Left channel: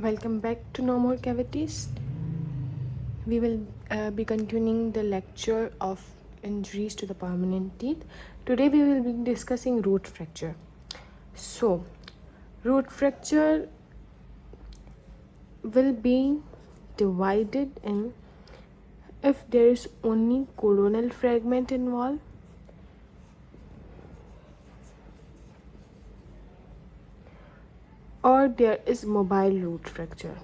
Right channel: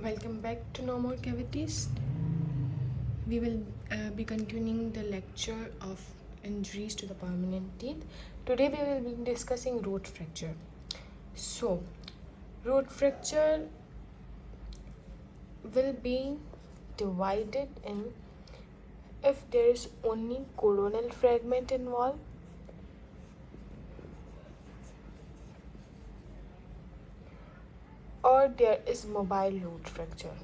Welcome back to No More Cavities. We will be continuing the lecture of injuries to the permanent teeth. Today we will be discussing root fracture. So, root fracture will be divided in if there is only coronal fragment involved, or there is mobile root fracture.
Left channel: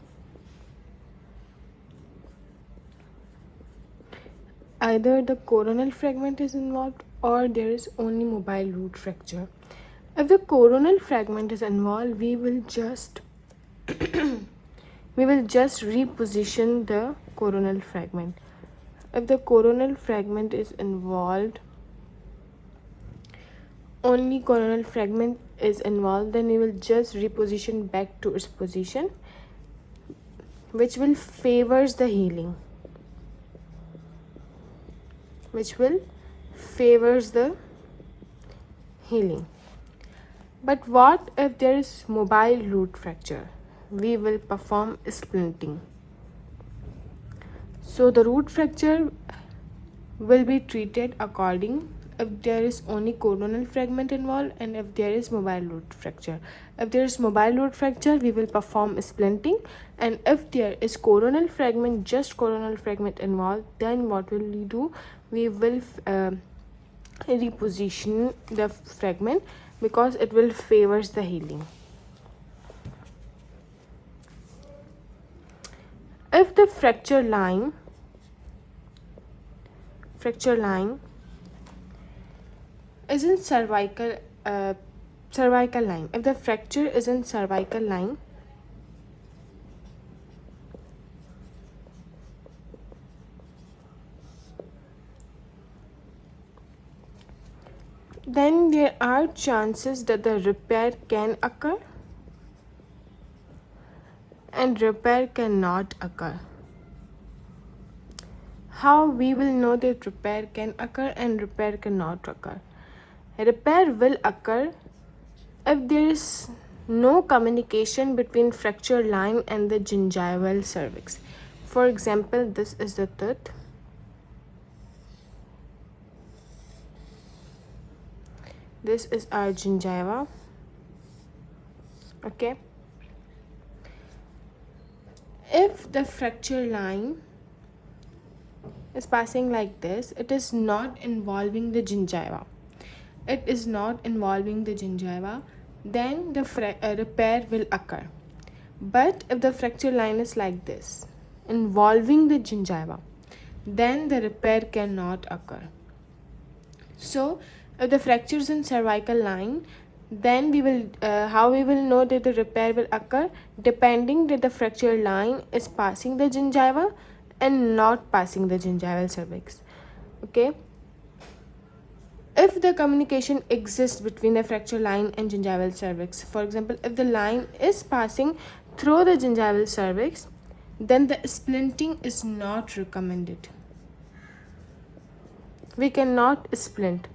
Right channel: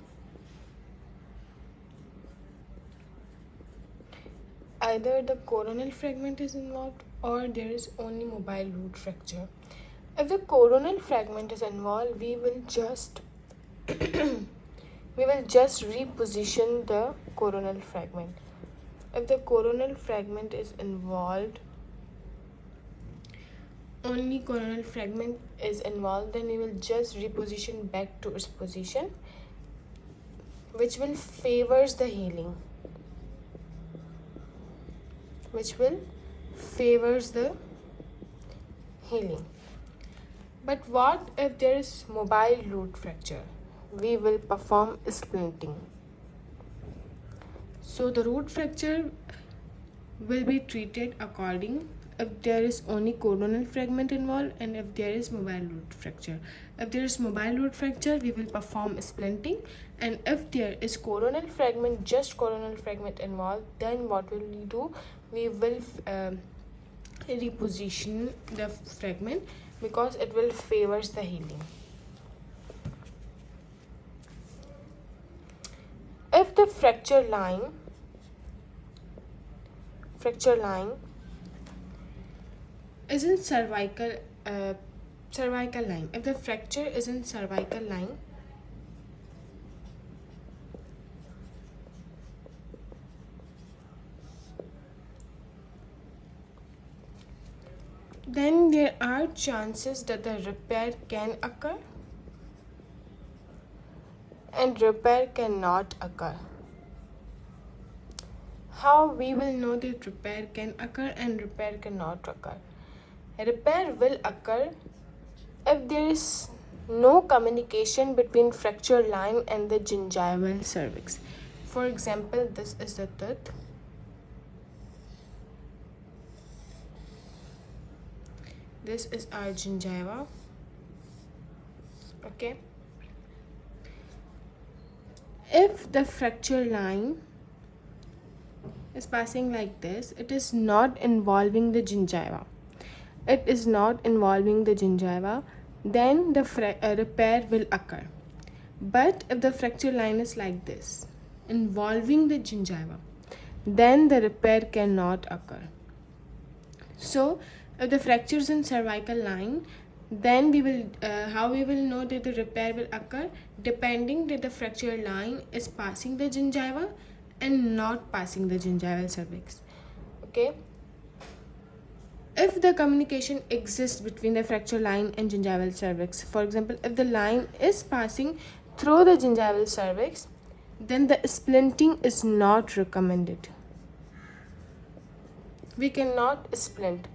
Either the coronal fragment is involved or there is only mobile root fracture. If the coronal fragment is involved, we will just reposition the coronal fragment. If the coronal fragment is involved, only coronal fragment is involved, then we will just reposition back to its position, which will favors the healing. But what if there is mobile root fracture? We will perform splinting. So the root fracture will be treated according if there is only coronal fragment involved and if there is mobile root fracture. If there is mobile root fracture, we will perform splinting, and if there is coronal fragment, just coronal fragment involved, then what will we do? We will reposition the fragment because it will favors the healing. If the fracture line is in cervical line, if the fracture is in cervical line, then there are chances that the repair can occur and repair cannot occur. How we will know that repair can occur and repair cannot occur? Repair will occur if there is no communication between fracture line and the gingival cervix. For example, this is the tooth. This is our gingiva. Okay. If the fracture line is passing like this, it is not involving the gingiva. Then the repair will occur. But if the fracture line is like this, involving the gingiva, then the repair cannot occur. So, if the fracture is in cervical line, then we will how we will know that the repair will occur? Depending that the fracture line is passing the gingiva and not passing the gingival cervix. Okay. If the communication exists between the fracture line and gingival cervix, for example, if the line is passing through the gingival cervix, then the splinting is not recommended. We cannot splint.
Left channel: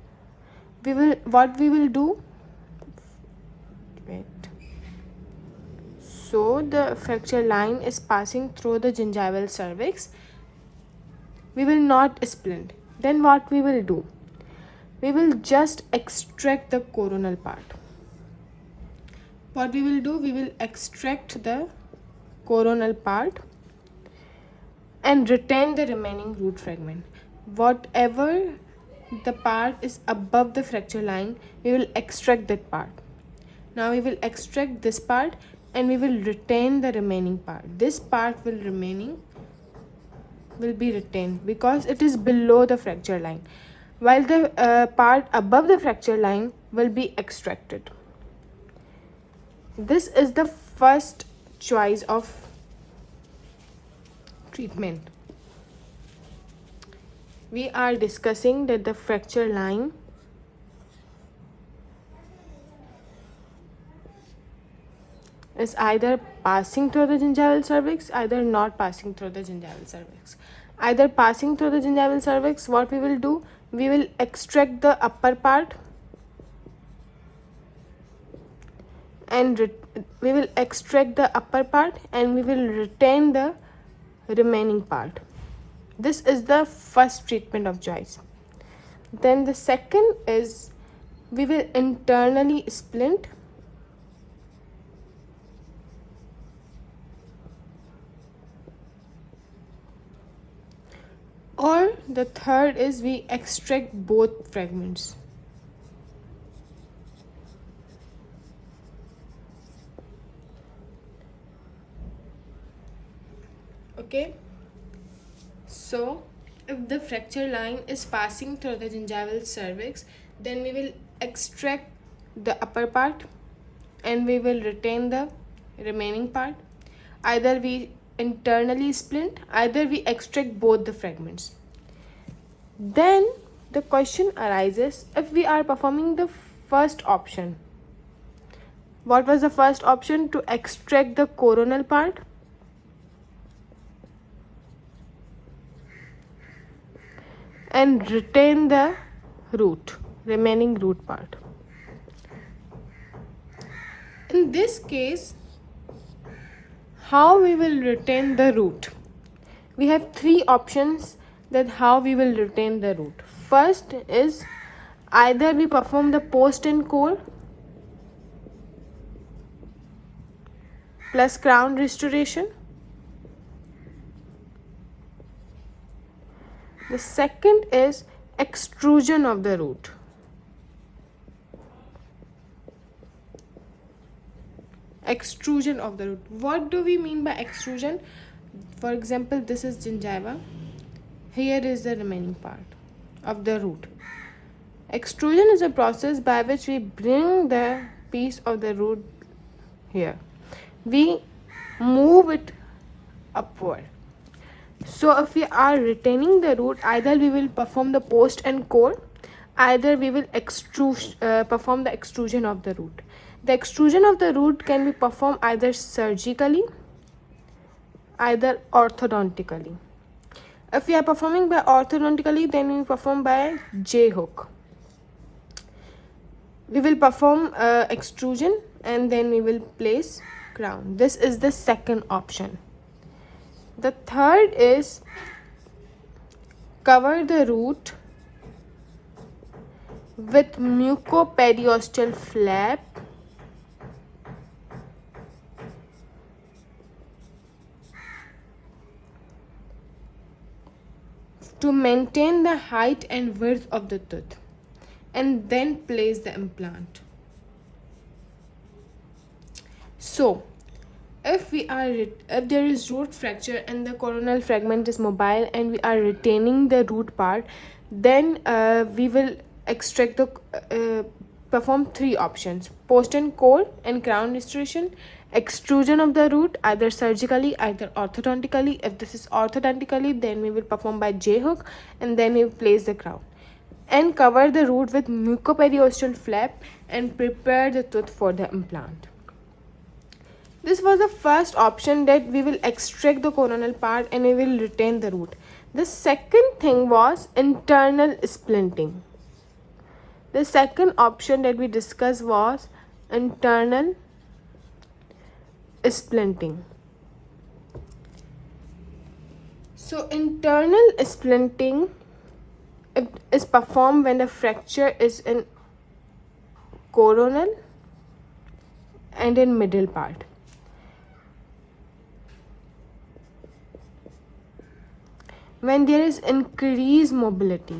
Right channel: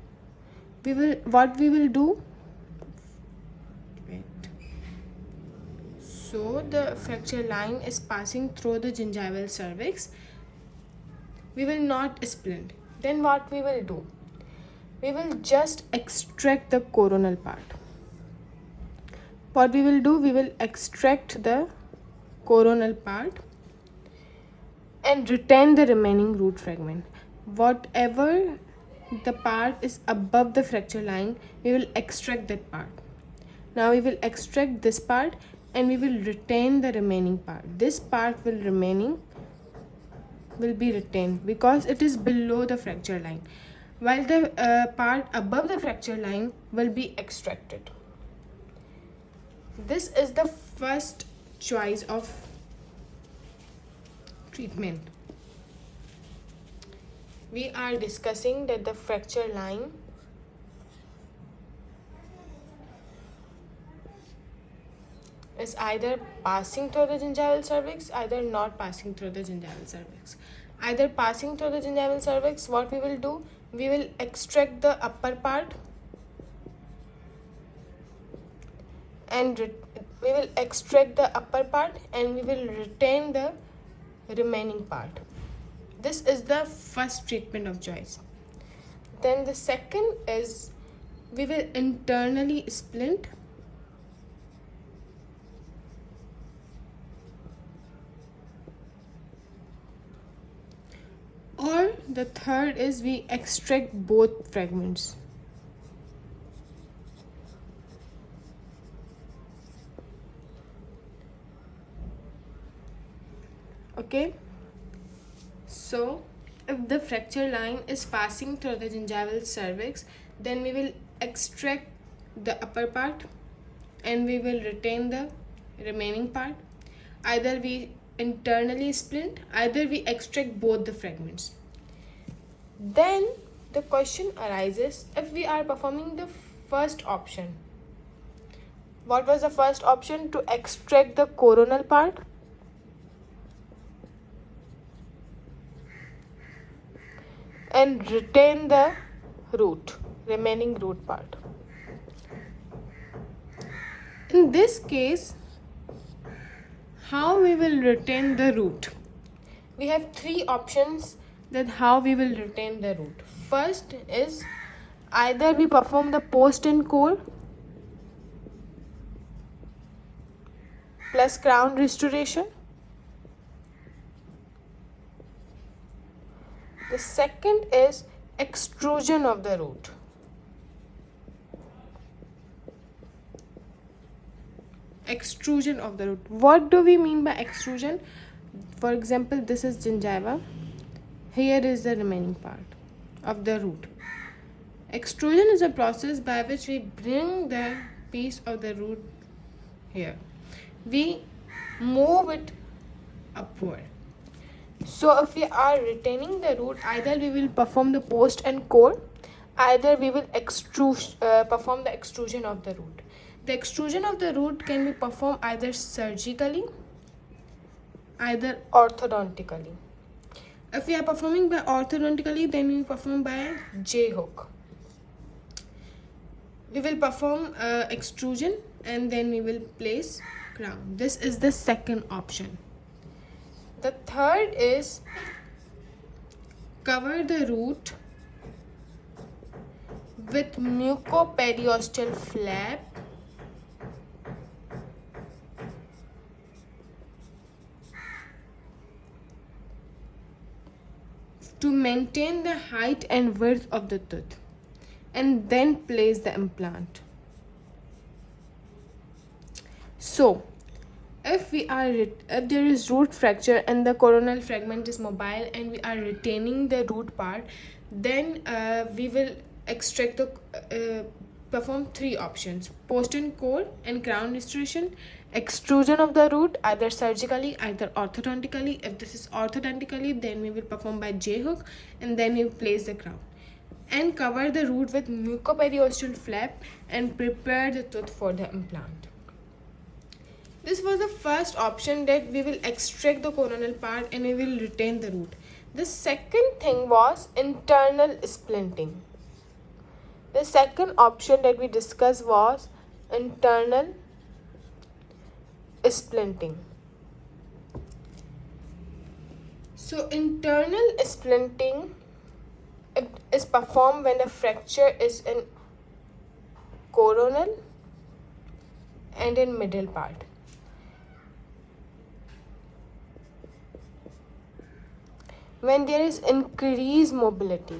What we will do? Wait. So the fracture line is passing through the gingival cervix. We will not splint. Then what we will do? We will just extract the coronal part. What we will do? We will extract the coronal part and retain the remaining root fragment. Whatever the part is above the fracture line, we will extract that part. Now we will extract this part and we will retain the remaining part. This part will be retained because it is below the fracture line, while the part above the fracture line will be extracted. This is the first choice of treatment. We are discussing that the fracture line is either passing through the gingival cervix, either not passing through the gingival cervix. Either passing through the gingival cervix, what we will do? We will extract the upper part and we will extract the upper part and we will retain the remaining part. This is the first treatment of jaws. Then the second is we will internally splint, or the third is we extract both fragments. Okay, so if the fracture line is passing through the gingival cervix, then we will extract the upper part and we will retain the remaining part. Either we internally splint, either we extract both the fragments. Then the question arises, if we are performing the first option. What was the first option? To extract the coronal part. And retain the remaining root part. In this case, how we will retain the root? We have three options that how we will retain the root. First is either we perform the post and core plus crown restoration. The second is extrusion of the root. Extrusion of the root. What do we mean by extrusion? For example, this is gingiva. Here is the remaining part of the root. Extrusion is a process by which we bring the piece of the root here. We move it upward. So if we are retaining the root, either we will perform the post and core, either we will perform the extrusion of the root. The extrusion of the root can be performed either surgically, either orthodontically. If we are performing by orthodontically, then we perform by J-hook. We will perform extrusion and then we will place crown. This is the second option. The third is cover the root with mucoperiosteal flap to maintain the height and width of the tooth, and then place the implant. So if there is root fracture and the coronal fragment is mobile and we are retaining the root part, then we will extract the perform three options: post and core and crown restoration, extrusion of the root either surgically, either orthodontically. If this is orthodontically, then we will perform by J-hook and then we will place the crown, and cover the root with mucoperiosteal flap and prepare the tooth for the implant. This was the first option, that we will extract the coronal part and we will retain the root. The second thing was internal splinting. The second option that we discussed was internal splinting. So internal splinting is performed when the fracture is in coronal and in middle part. When there is increased mobility.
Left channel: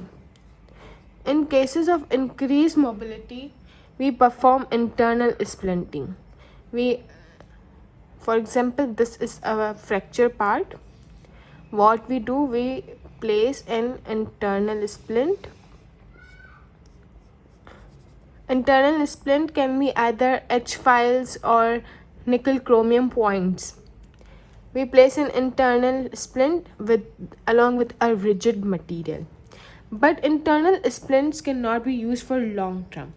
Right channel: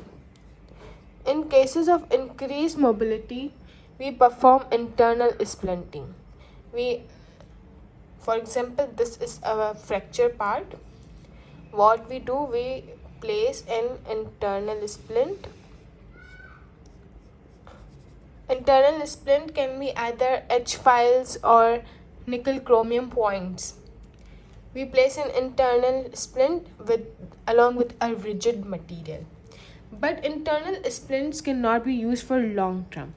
In cases of increased mobility, we perform internal splinting. For example, this is a fracture part. What we do, we place an internal splint. Internal splint can be either H-files or nickel chromium points. We place an internal splint along with a rigid material. But internal splints cannot be used for long term,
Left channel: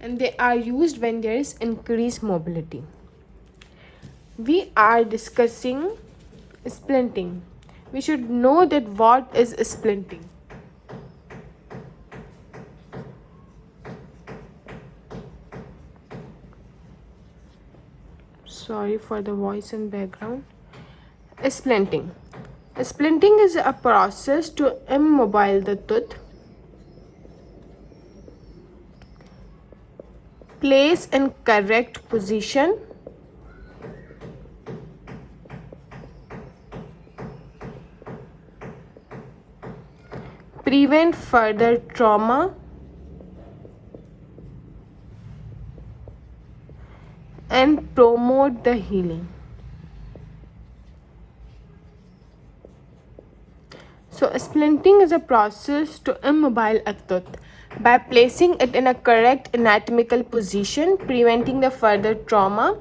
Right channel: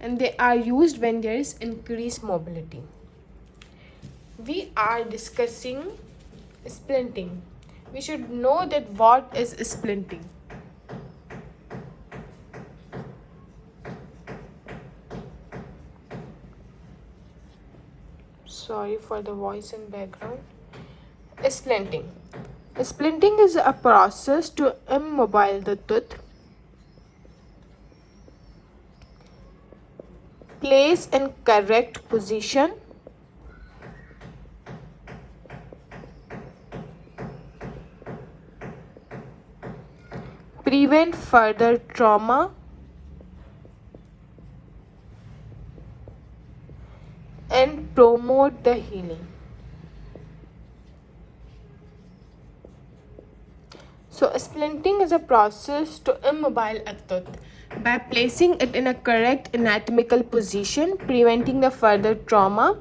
and they are used when there is increased mobility. We are discussing splinting. We should know that what is splinting. for the voice and background. Splinting. Splinting is a process to immobile the tooth, place in correct position, prevent further trauma, and promote the healing. So splinting is a process to immobile a tooth by placing it in a correct anatomical position, preventing the further trauma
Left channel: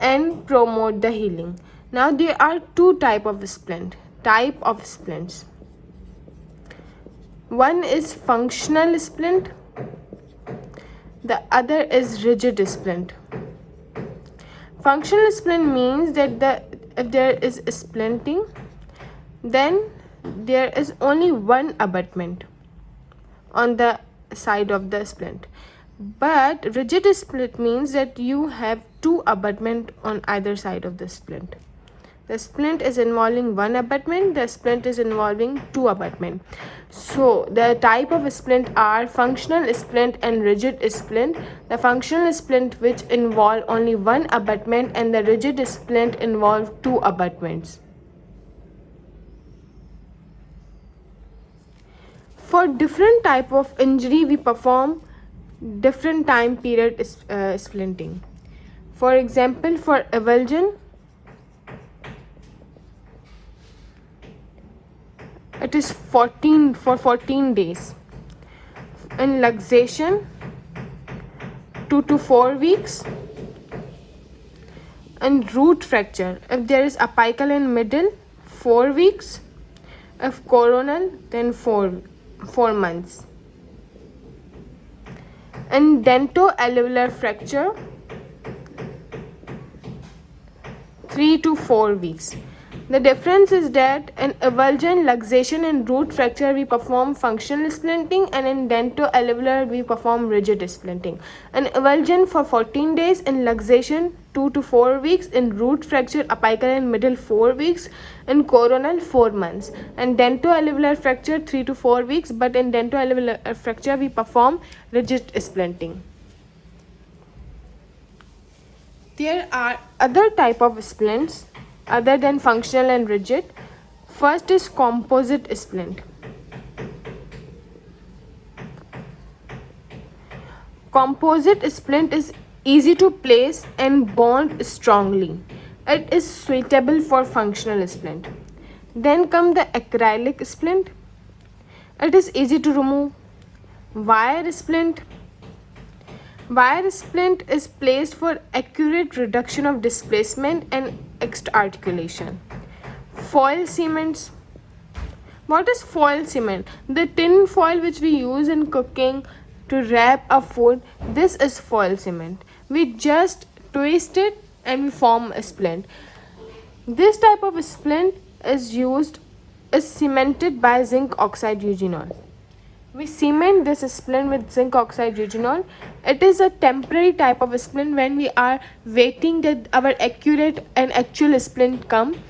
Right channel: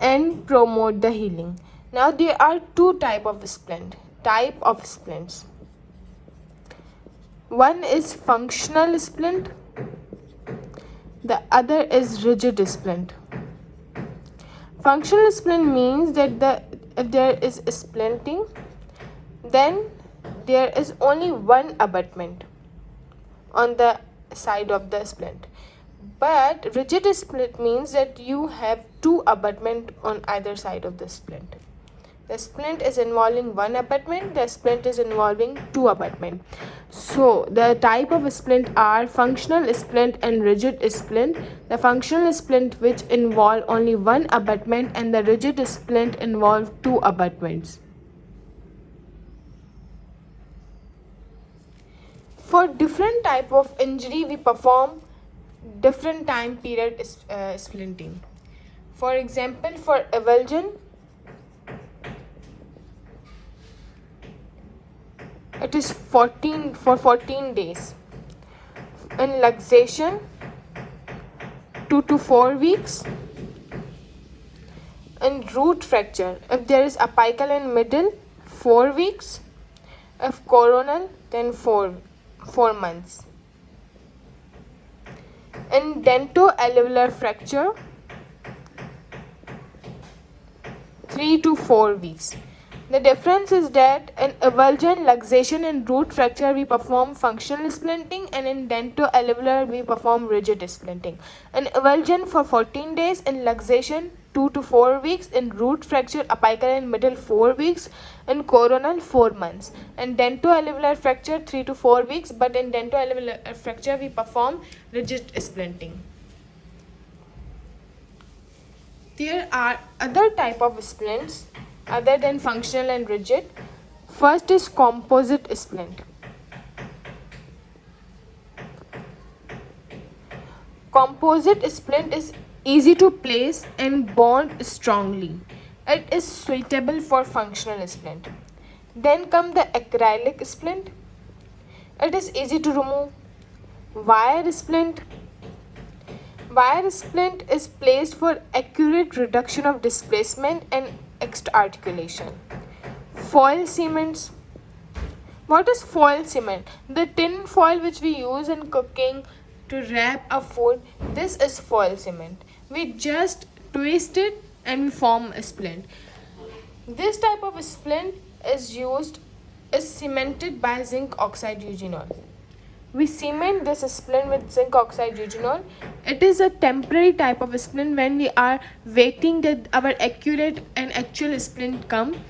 and promote the healing. Now there are two types of splints. One is functional splint, the other is rigid splint. Functional splint means that if there is splinting, then there is only one abutment on the side of the splint. But rigid splint means that you have two abutment on either side of the splint. The splint is involving one abutment, the splint is involving two abutment. So the type of splint are functional splint and rigid splint. The functional splint which involve only one abutment, and the rigid splint involve two abutments. For different type of injury, we perform different time period splinting. For example, for avulsion, it is 14 days. In luxation, 2 to 4 weeks. In root fracture, if there is apical in middle, 4 weeks. If coronal, then 4 months. In dentoalveolar fracture, 3 to 4 weeks. The difference is that in avulsion, luxation and root fracture we perform functional splinting, and in dentoalveolar we perform rigid splinting. In avulsion for 14 days, in luxation 2 to 4 weeks, in root fracture apical in middle 4 weeks, in coronal 4 months, and dentoalveolar fracture 3 to 4 weeks, but in dentoalveolar fracture we perform rigid splinting. There are other type of splints other than functional and rigid. First is composite splint. Composite splint is easy to place and bond strongly. It is suitable for functional splint. Then come the acrylic splint. It is easy to remove. Wire splint. Wire splint is placed for accurate reduction of displacement and extra-articulation. Foil cements. What is foil cement? The tin foil which we use in cooking to wrap a food, this is foil cement. We just twist it and we form a splint. This type of splint is cemented by zinc oxide eugenol. We cement this splint with zinc oxide eugenol. It is a temporary type of splint when we are waiting that our accurate and actual splint come.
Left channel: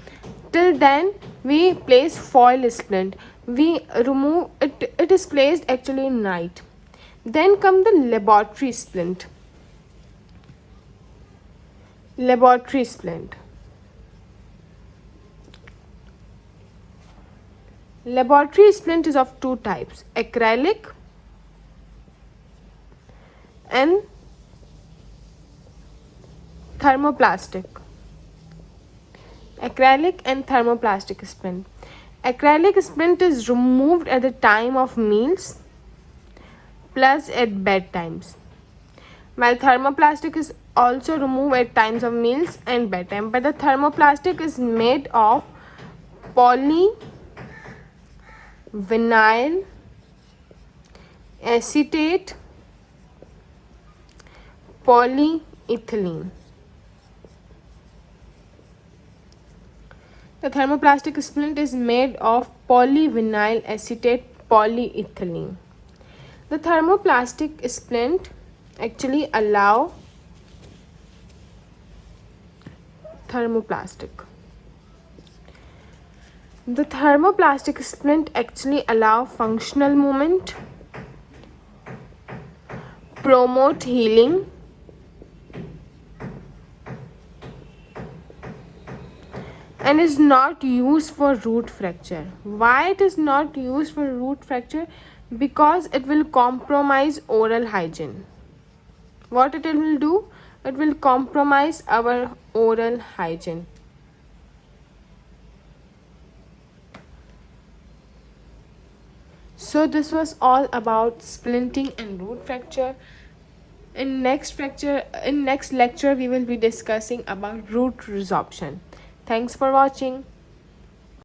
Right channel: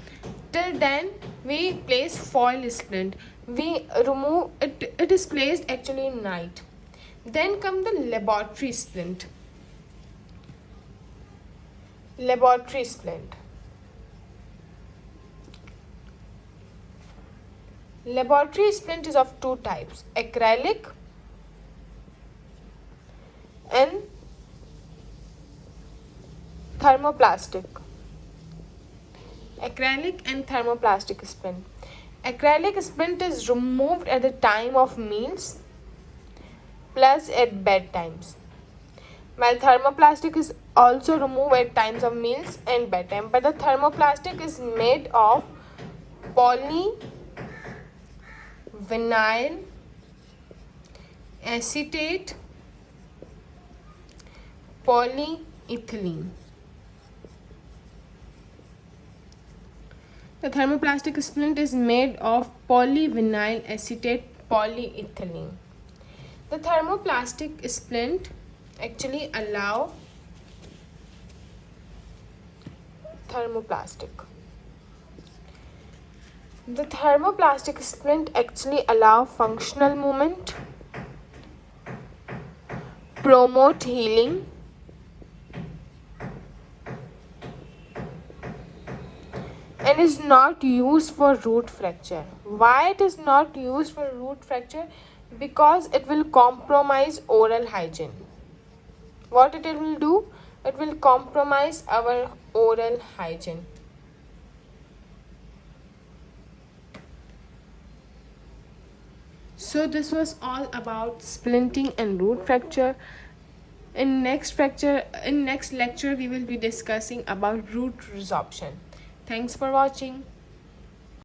Till then, we place foil splint. We remove it. It is placed actually in night. Then come the laboratory splint. Laboratory splint. Laboratory splint is of two types, acrylic and thermoplastic. Acrylic and thermoplastic splint. Acrylic splint is removed at the time of meals plus at bedtimes, while thermoplastic is also removed at times of meals and bedtime. But the thermoplastic is made of polyvinyl acetate polyethylene. The thermoplastic splint is made of polyvinyl acetate polyethylene. The thermoplastic splint actually allow thermoplastic. The thermoplastic splint actually allow functional movement, promote healing, and is not used for root fracture. Why it is not used for root fracture? Because it will compromise oral hygiene. What it will do? It will compromise our oral hygiene. So this was all about splinting and root fracture. In next lecture we will be discussing about root resorption. Thanks for watching.